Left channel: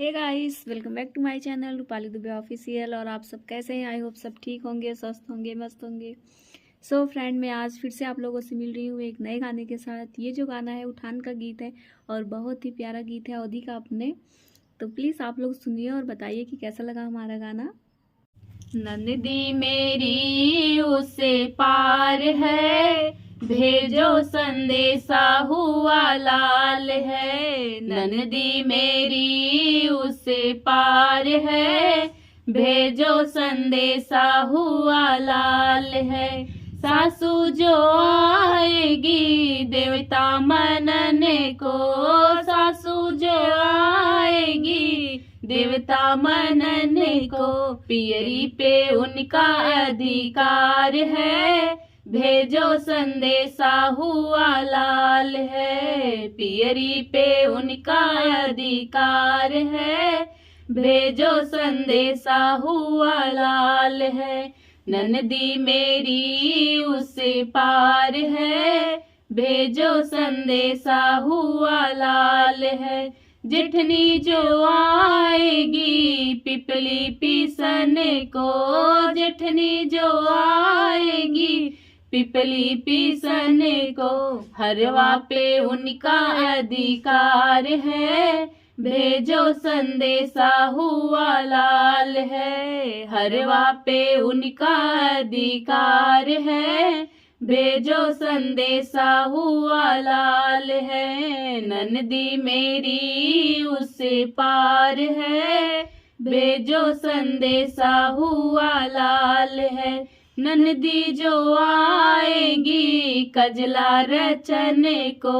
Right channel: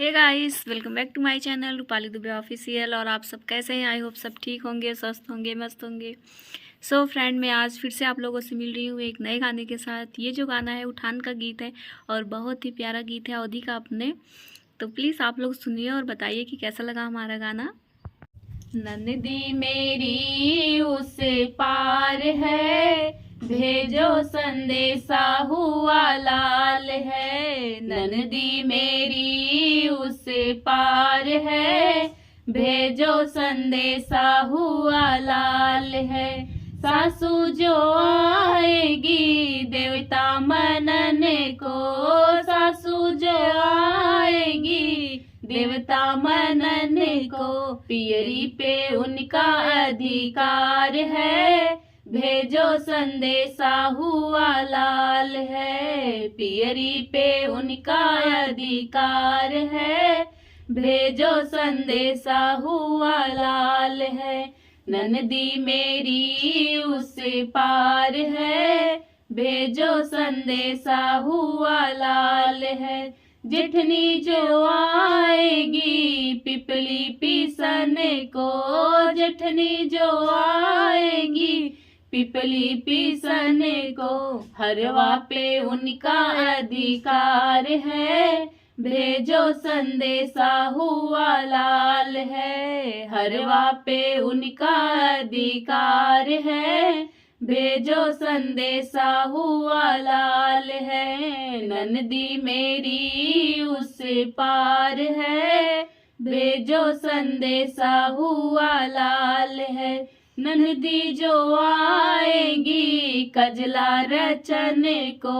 Hey guys, welcome back to my channel Rupali Dubey official. और आप सब कैसे हैं? आई होप सब ठीक होंगे, स्वस्थ होंगे, मस्त होंगे। सो फ्रेंड, मैं आज फिर से आप लोगों से मिल रही हूँ एक नए गाने के साथ। ये जो गाना है उठान का गीत है और बहुत ही प्यारा गीत है अवधि का अपने। तो प्लीज़ आप लोग सुनिए और बताइए कि कैसा लगा हमारा गाना। नंदी मेरी उससे पार है, भेजो संदेशा हुआ लाल है। नंदी मेरी उससे पार है, भेजो संदेशा हुआ लाल है। सासू जो आएगी देवता मनने को, सासू जो आएगी देवता मनने को, पियरी पे उनका अधिकार है, भेजो संदेशा हुआ लाल है। पियरी पे उनका अधिकार है, भेजो संदेशा हुआ लाल है। ननदी मेरी उससे पार है, भेजो संदेशा हुआ लाल है। जेठनी जो आएगी पिपली पीसने को, जेठनी जो आएगी पिपली पीसने को, हरवा पे उनका अधिकार है, भेजो संदेशा हुआ लाल है। हरवा पे उनका अधिकार है, भेजो संदेशा हुआ लाल है। ननदी मेरी उससे पार है, भेजो संदेशा हुआ लाल है। ननदी जो आएगी कजला रचने को,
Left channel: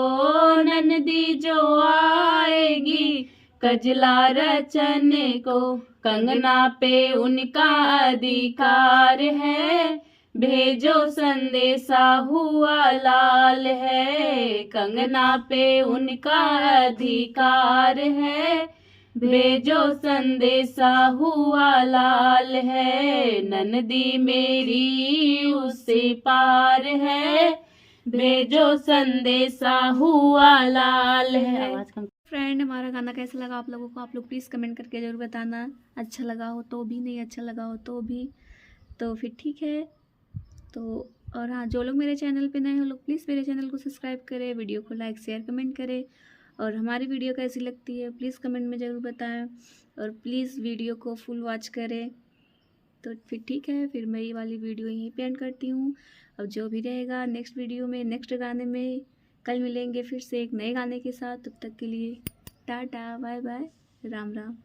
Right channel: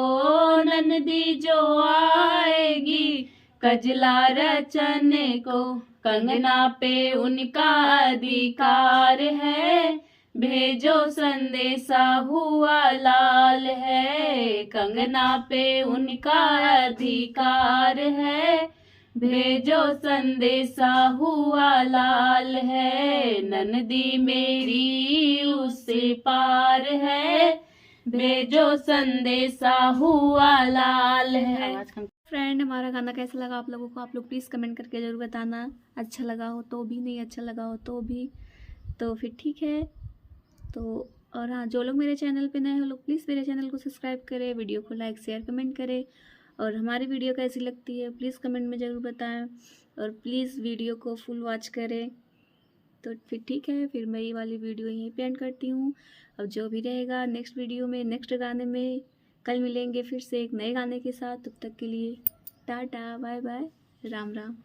ननदी जो आएगी कजला रचने को, कंगना पे उनका अधिकार है, भेजो संदेशा हुआ लाल है। कंगना पे उनका अधिकार है, भेजो संदेशा हुआ लाल है। ननदी मेरी उससे पार है, भेजो संदेशा हुआ लाल है। फ्रेंड, हमारा गाना कैसा लगा आप लोगों को? आप लोग प्लीज़ कमेंट करके ज़रूर बताना। अच्छा लगा हो तो भी, नहीं अच्छा लगा हो तो भी, तो फिर ठीक है। तो और हाँ, जो लोग मेरे चैनल पे नए हो लोग प्लीज़ मेरे चैनल को सब्सक्राइब करें, वीडियो को लाइक शेयर कमेंट करें। और हमारी वीडियो कैसी लगती है प्लीज़ कमेंट में ज़रूर बताएं। और प्लीज़ वीडियो को फुल वॉच करें। तो फिर ठीक है, फिर मैं ये वाली वीडियो यहीं पे एंड करती हूँ। अब जो भी रहेगा नेक्स्ट वीडियो में, नेक्स्ट गाने में कल मिलेंगे फिर से एक नए गाने के साथ। तब तक के लिए टाटा, बाय बाय, राम राम।